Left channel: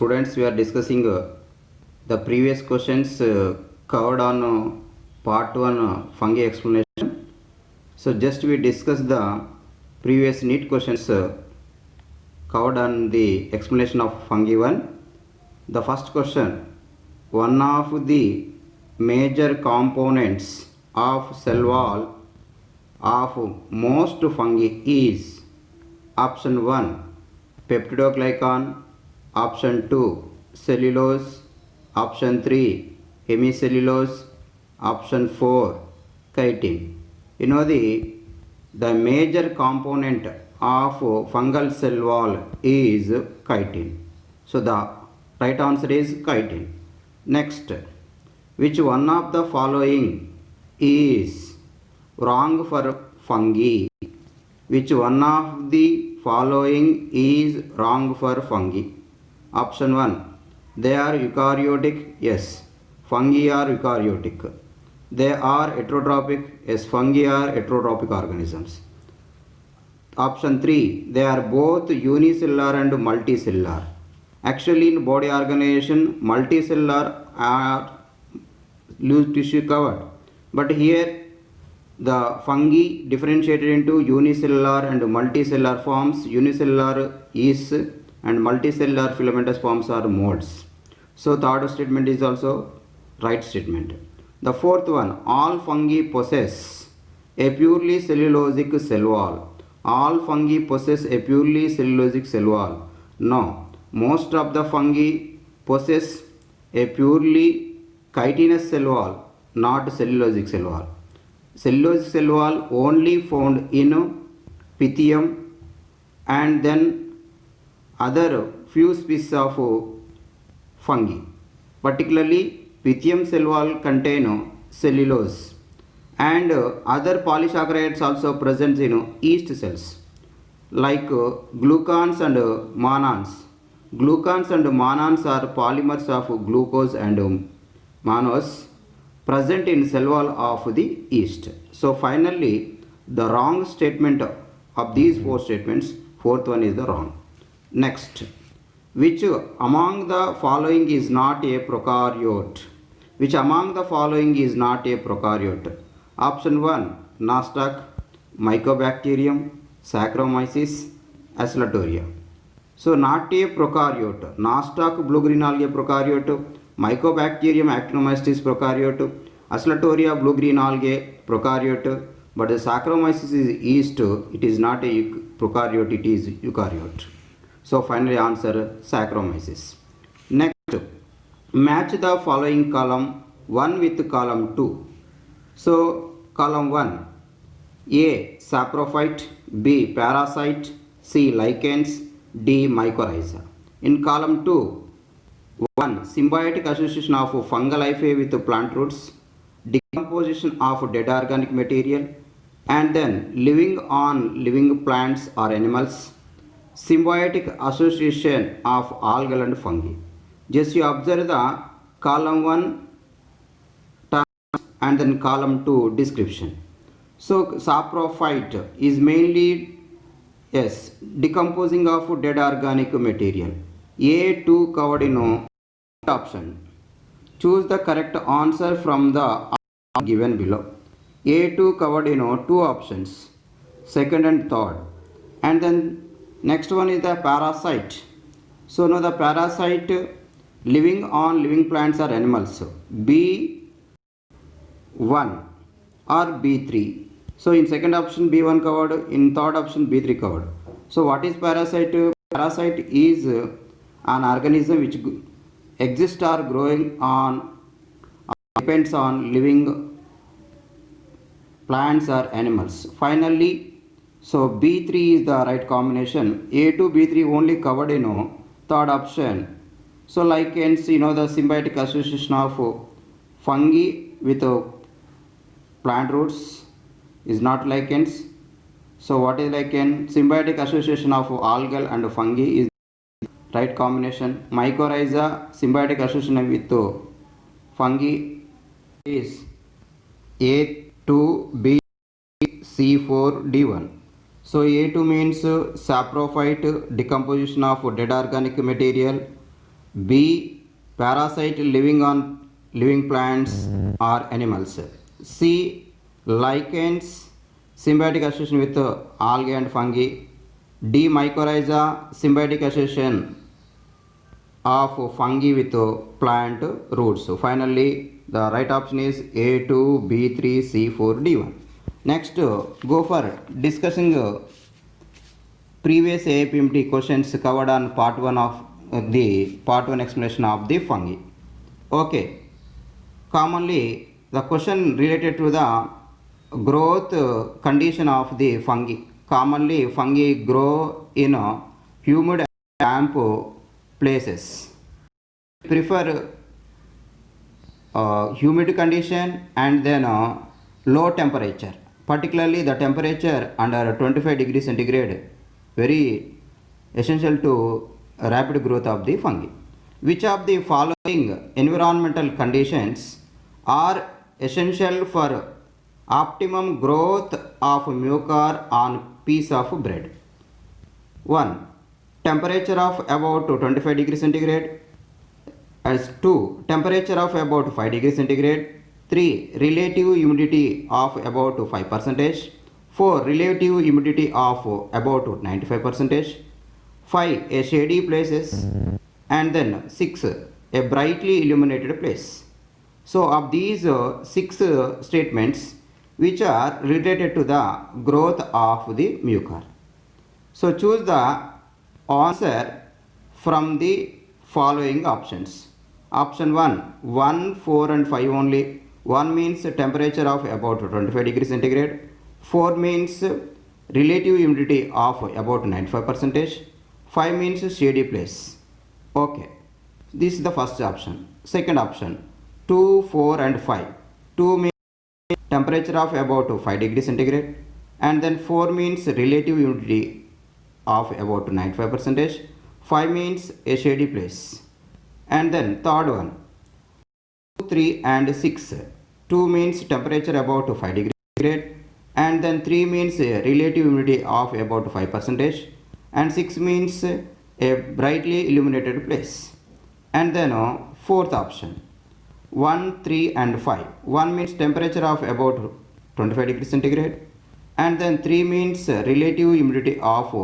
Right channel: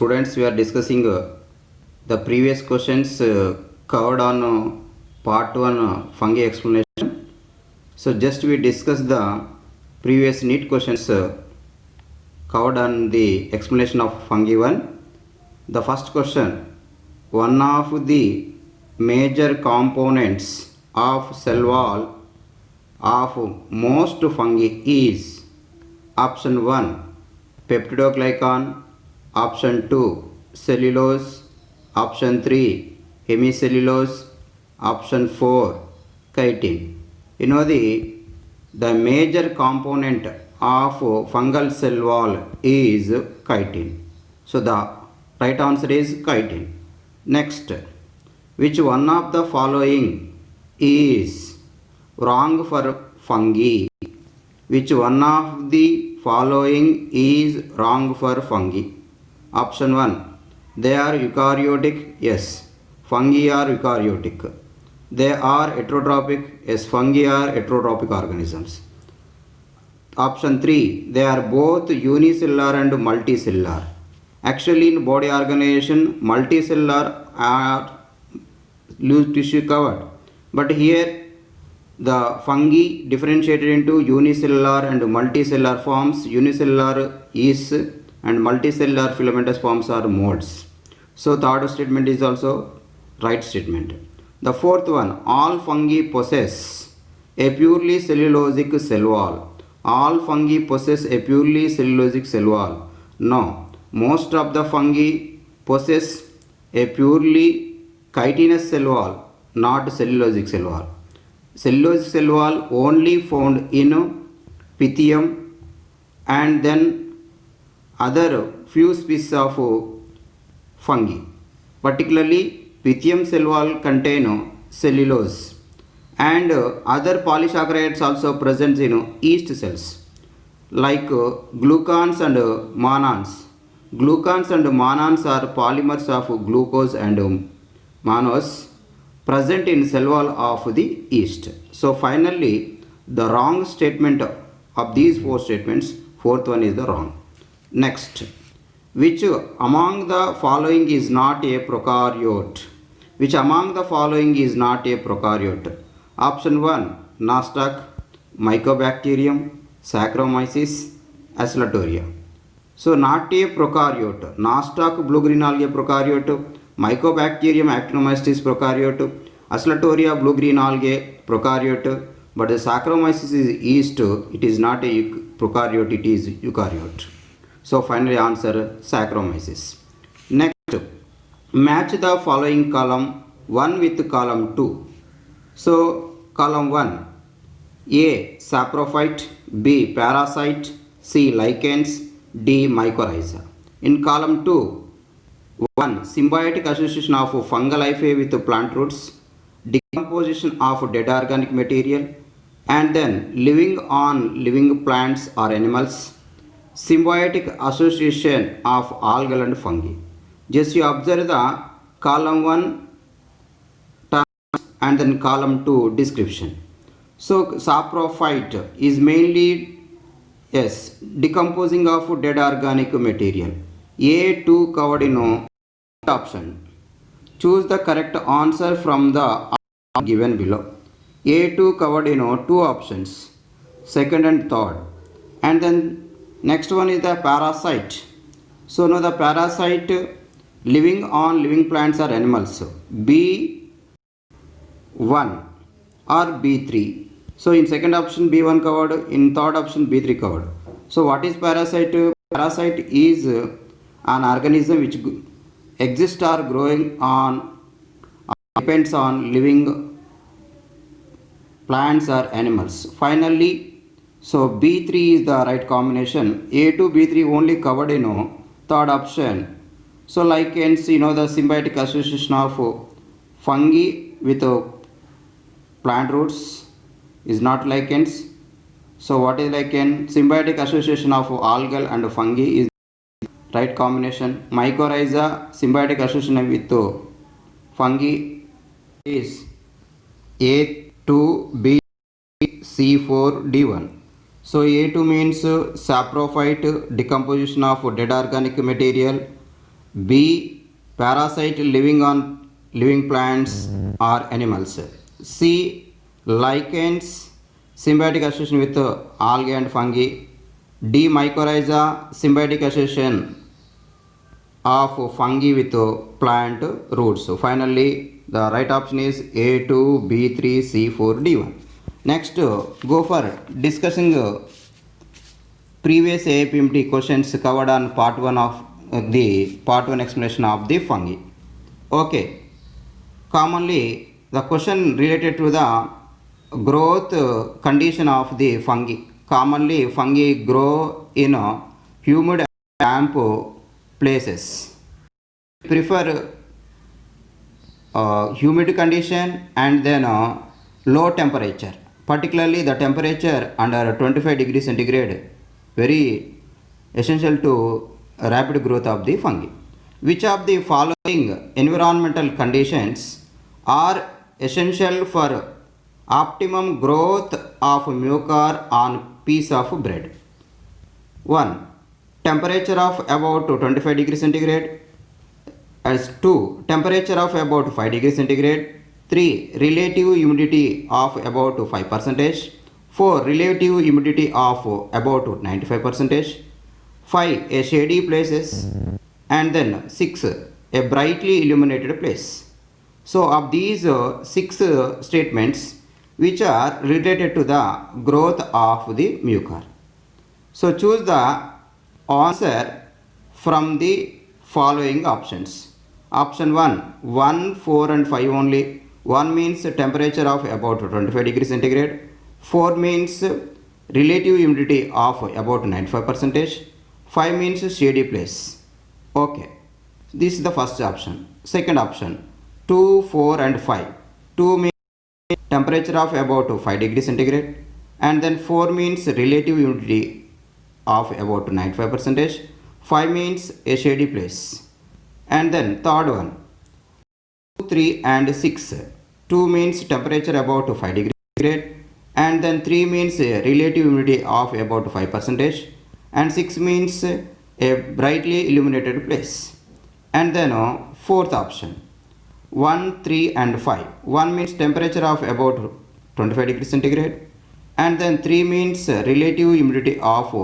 Students, we are discussing the previous questions covered on part 1 fungi explanation. So just we discuss the previous NEET questions covered on the explanation of fungi 1. The first question, one of the major components of cell wall of most fungi is option 1 peptidoglycan, option 2 cellulose, option 3 hemicellulose, option 4 chitin. You know the major component of fungal cell wall is chitin. So the right answer is chitin. Next, which one of the following is wrong for fungi? Which one of the following is wrong for fungi? Option 1, they are eukaryotic. Yes, fungi are eukaryotic. They are heterotrophic. Yes, fungi are heterotrophic organisms. Option 3, they are both unicellular and multicellular. Actually, in body organization, multicellular are loose tissue covered, but here the fungi differentiated into unicellular and multicellular forms. Unicellular yeast and multicellular filamentous forms are molds. So third statement is also right statement. The fourth one, all fungi possess a purely cellulosic cell wall. All fungi possess a purely cellulosic cell wall. No, most of the fungi possess a purely chitinous cell wall, not cellulosic cell wall. Cellulosic cell wall only found in Pythium and then other few species of fungi. Particularly Pythium cell wall contain cellulose and other polysaccharides also present in yeast cells like glucans and mannans. Glucans and mannans are polymers of glucose and mannose present in cell wall of the yeast. So finally the wrong statement of these four statements, fourth one is the wrong. Next, which among the following is not a prokaryote? Which among the following is not a prokaryote? Option 1, Nostoc, Mycobacterium, Saccharomyces, Acetoria. So not a prokaryote. Nostoc, blue-green algae prokaryote. Mycobacterium, Actinomycetes prokaryote. Acetoria, blue-green algae prokaryote. But the Saccharomyces is yeast. It is not a prokaryote. It is eukaryote. So finally answer Saccharomyces. Next, match the following column 1 with column 2. So column 1, A saprophyte, B parasite, C lichens, D mycorrhiza. In column 2, 1 symbiotic association of fungal hyphae with plant roots, decomposition of dead organic material, and then living on living plants or animals, symbiotic association of algal and fungi. Just you observe the column 1 terms and then column 2 description. So saprophyte is mainly decomposing of dead organic material. A2 covered in option. Choose the correct answer from the given below. A2 covered in two options, second and third. And then next one is the parasite. So now the parasite living on living plants or animals. B1 or B3. So in second option B1 covered, in third option B3 covered. So what is parasite? Parasite is an organism which exists or growing on depends on living plants or animals. Finally, so B3 is the right combination. A2 B3 only covered in third option. So lichens, the symbiotic association of fungi with plant roots is not lichens. So what is lichen? Symbiotic association of algal and fungi is right combination. Mycorrhiza, symbiotic association with fungi is A2 B C4 D1. So A2 means saprophyte, decomposition of dead organic material, B. Parasite living on living plants or animals. C. Lichens, symbiotic association with algae and fungi. D. Mycorrhiza, symbiotic association of fungi with plant roots. So finally, the right option is A2, B3, C4, D1. Next, go for discussing previous APMT questions covered on part 1 of the part 1 explanation of the fungi. Okay, commonly the question related to the growth condition of the fungi. Commonly fungi grow in humid and damp places. Prefer humid condition and then low temperature, particularly the temperature under 25 degrees centigrade, very essential to rapid growth of the fungi. Which of the following environmental conditions are essential for optimum growth of mucor on piece of bread? 1. Temperature of about 25 degrees centigrade. As 2. Temperature of about 5 degrees centigrade. 3. Relative humidity of about 5%. 4. Relative humidity of about 95%. 5. A shady places. And then 6. A brightly illuminated place. So of these 6 statements which are related to the growth of the mucor. So choose the answer from the following options. Option 1, 1, 4 and 5 only. 1 means temperature of about 25 degrees centigrade. 4 means relative humidity of about 95%. 5 means shady place. Okay, this is the first option. Second option, 2, 4 and 5. 2 means temperature of about 5 degrees centigrade, and then 4 means relative humidity of about 95%. 5 means a shady place. And then third one, 2, 3 and 6. 2 means temperature about 5 degrees centigrade, and then 3 means a relative humidity of about 5%, and 6 means a brightly illuminated place. And then fourth option, 1, 3 and 5. 1 means temperature of about 25 degrees centigrade, and then 3 means relative humidity of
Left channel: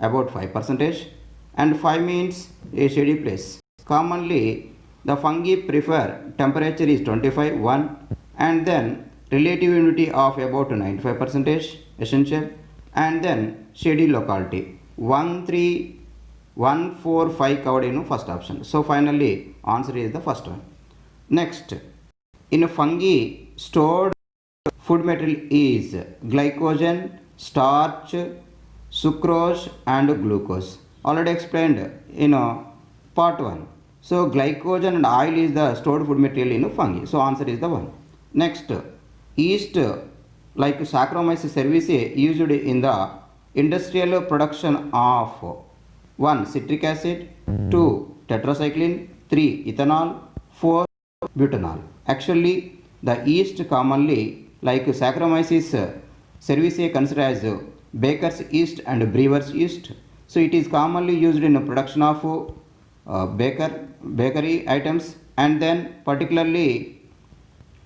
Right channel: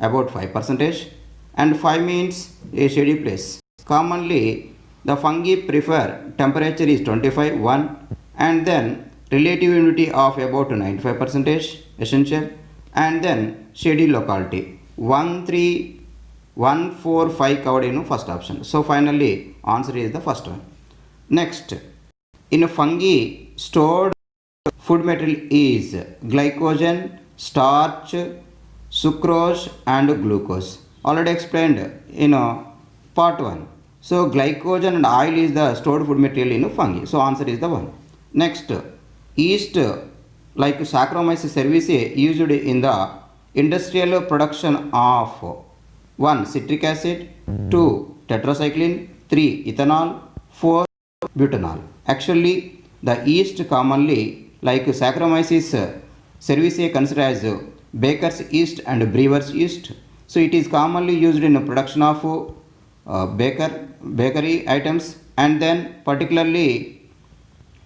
about 5%, and 5 means a shady place. Commonly the fungi prefer temperature is 25, 1, and then relative humidity of about 95% essential, and then shady locality 1, 3, 1, 4, 5 covered in first option. So finally answer is the first one. Next, in fungi stored food material is glycogen, starch, sucrose and glucose. Already explained in part 1. So glycogen and oil is the stored food material in fungi. So answer is the one. Next, yeast like Saccharomyces cerevisiae used in the industrial production of 1. Citric acid, 2. Tetracycline, 3. Ethanol, 4. Butanol. Actually, the yeast commonly like Saccharomyces cerevisiae considered as baker's yeast and brewer's yeast. So it is commonly used in the production of bakery items, and then particularly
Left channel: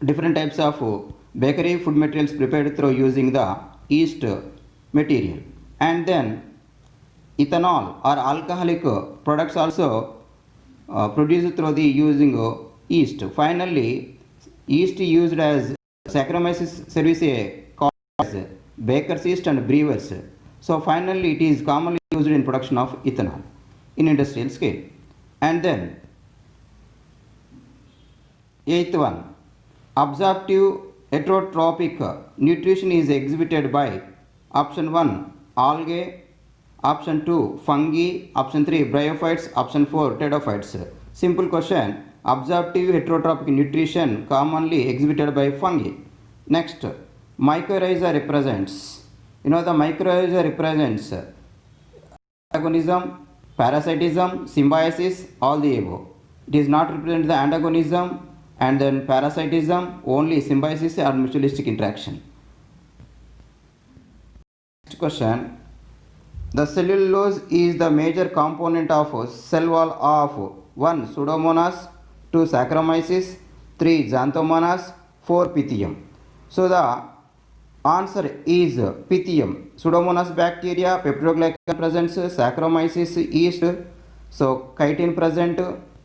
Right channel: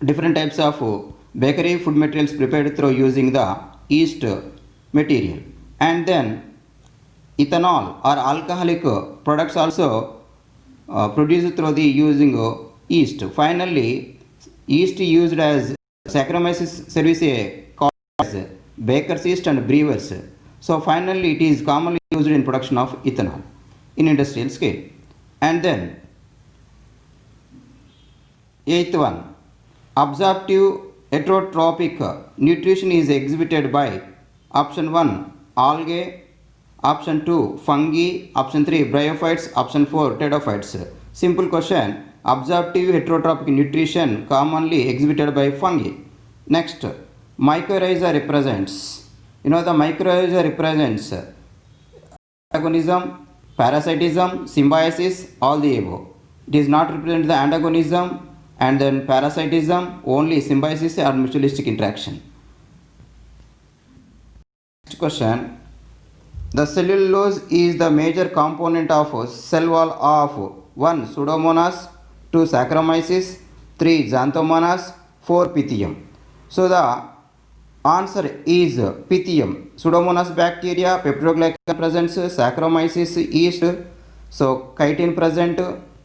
different types of bakery food materials prepared through using the yeast material. And then ethanol or alcoholic products also produced through the using yeast. Finally, yeast used as Saccharomyces cerevisiae called as baker's yeast and brewer's. So finally it is commonly used in production of ethanol in industrial scale. And then eighth one, absorptive heterotropic nutrition is exhibited by option 1 algae, option 2 fungi, option 3 bryophytes, option 4 pteridophytes. Simple question, absorptive heterotropic nutrition commonly exhibited by fungi. Next, mycorrhiza represents, the mycorrhiza represents antagonism, parasitism, symbiosis, all the above. It is not represent the antagonism and then parasitism, only symbiosis or mutualistic interaction. Next question, the cellulose is the major component of cell wall of 1 Pseudomonas, 2 Saccharomyces, 3 Xanthomonas, 4 Pythium. So the answer is Pythium. Pseudomonas bacteria, peptidoglycan present, Saccharomyces yeast, so chitin present,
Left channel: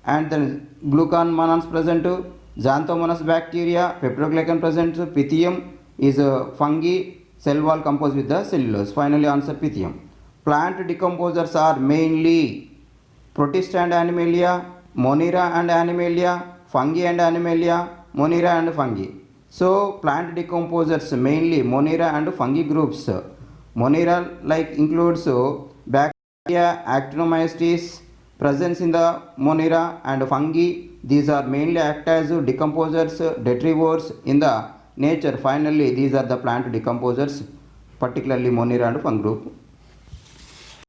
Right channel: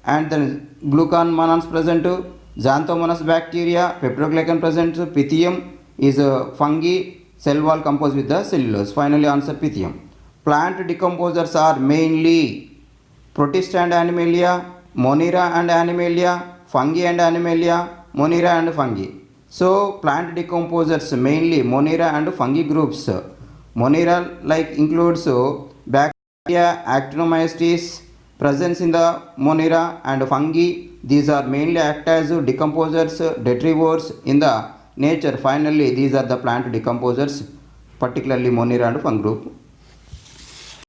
and then glucan monones present. Xanthomonas bacteria, peptidoglycan present. Pythium is fungi, cell wall composed with the cellulose. Finally answer Pythium. Plant decomposers are mainly Protist and Animalia, Monera and Animalia, Fungi and Animalia, Monera and Fungi. So plant decomposers mainly Monera and Fungi groups. Monera like includes bacteria, actinomycetes presence in the Monera, and fungi. These are mainly act as decomposers, detrivores in the nature. Finally these are the plant decomposers, particularly Monera and Fungi group.